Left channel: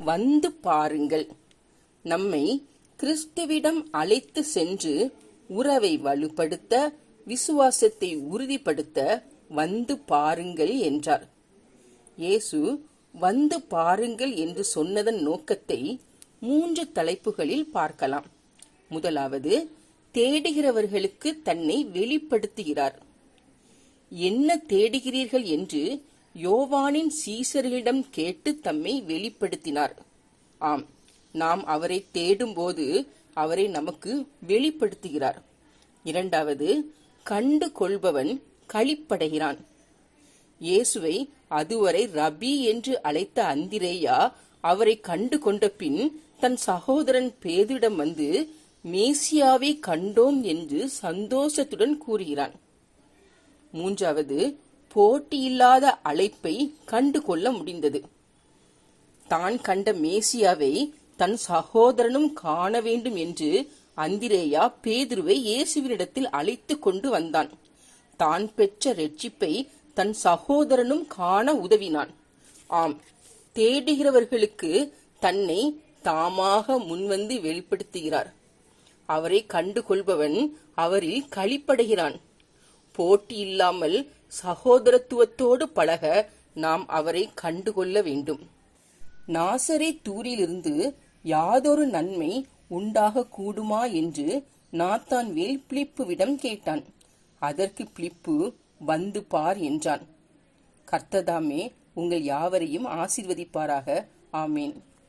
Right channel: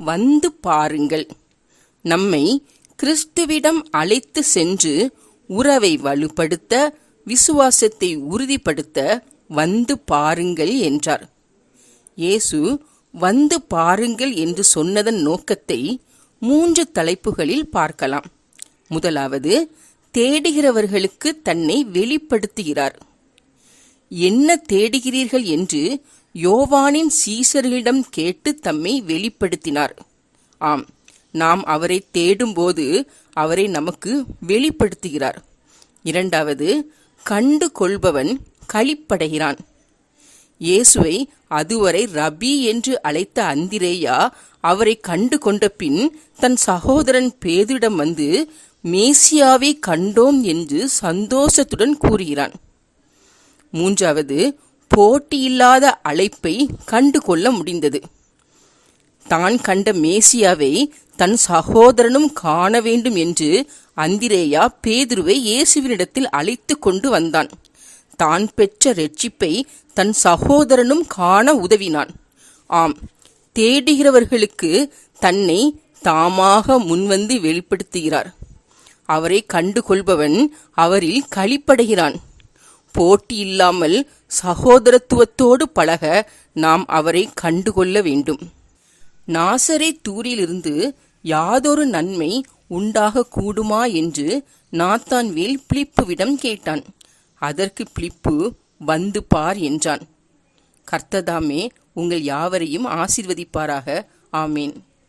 வந்து பாருங்கள். நம்மை கிறிஸ்துவிடம் அழைத்து சென்று உறவை வலுப்படுத்த, விசுவாசத்தை உறுதிப்படுத்த வந்து பாருங்கள் என்றார். இயேசு வந்து பாருங்கள் என்று சொன்னதன் நோக்கத்தை 3 தலைப்புகளில் பார்க்கலாம். முதலாவது, தேடுகிறவர்களுக்கு தன்னை வெளிப்படுத்துகிறார். என்ன தேடுகிறீர்கள் என்று யோவானின் சீசர்களிடம் கேட்டு தம்மை வெளிப்படுத்தினார். ஆம், நாம் அவரை தேடும்போது அவரை நமக்கு வெளிப்படுத்துகிறார். இரண்டாவது, கண்டு கொள்பவன் களிப்படைகிறான். இயேசுவை அதுவரை ரபி என்று அழைத்த அந்திரேயா அவரை கண்டு கொண்ட பின் தன் சகோதரன் பேதுரிடம் வந்து மேசியாவை கண்டோம் என்று சந்தோஷத்துடன் கூறுகிறான். மூன்றாவது, போட்டியில்லாத அழைப்பை கண்டு கொள்ள முடிந்தது. தான் கண்ட மேசியாவை தன் சகோதரனும் காண வேண்டும் என்று அந்திரேயா பேதுருவை இயேசுவினிடத்தில் அழைத்து கொண்டு வந்தான். தான் பெற்ற இரட்சிப்பை தன் சகோதரனும் காண உதவினான். ஆம், தேடுகிறவர்களுக்கு தன்னை தாமாக முன்வந்து வெளிப்படுத்துகிறார். அவரை கண்டு கொள்பவன் அவரில் களிப்படைகிறான். போட்டி இல்லாமல் சகோதரத்துவத்தோடு பழக நாம் அவரை கண்டுகொள்ள வேண்டும். நாசரேத்தூரிலிருந்து யாதொரு நன்மை உண்டாக கூடுமா என்று நாத்தான்வேல் பிலிப்புவிடம் கேட்டான். அதற்கு பிலிப்பு வந்து பார் என்றான். கர்த்ததாமே உங்கள் யாவரையும் ஆசீர்வதிப்பாராக. ஆமேன்.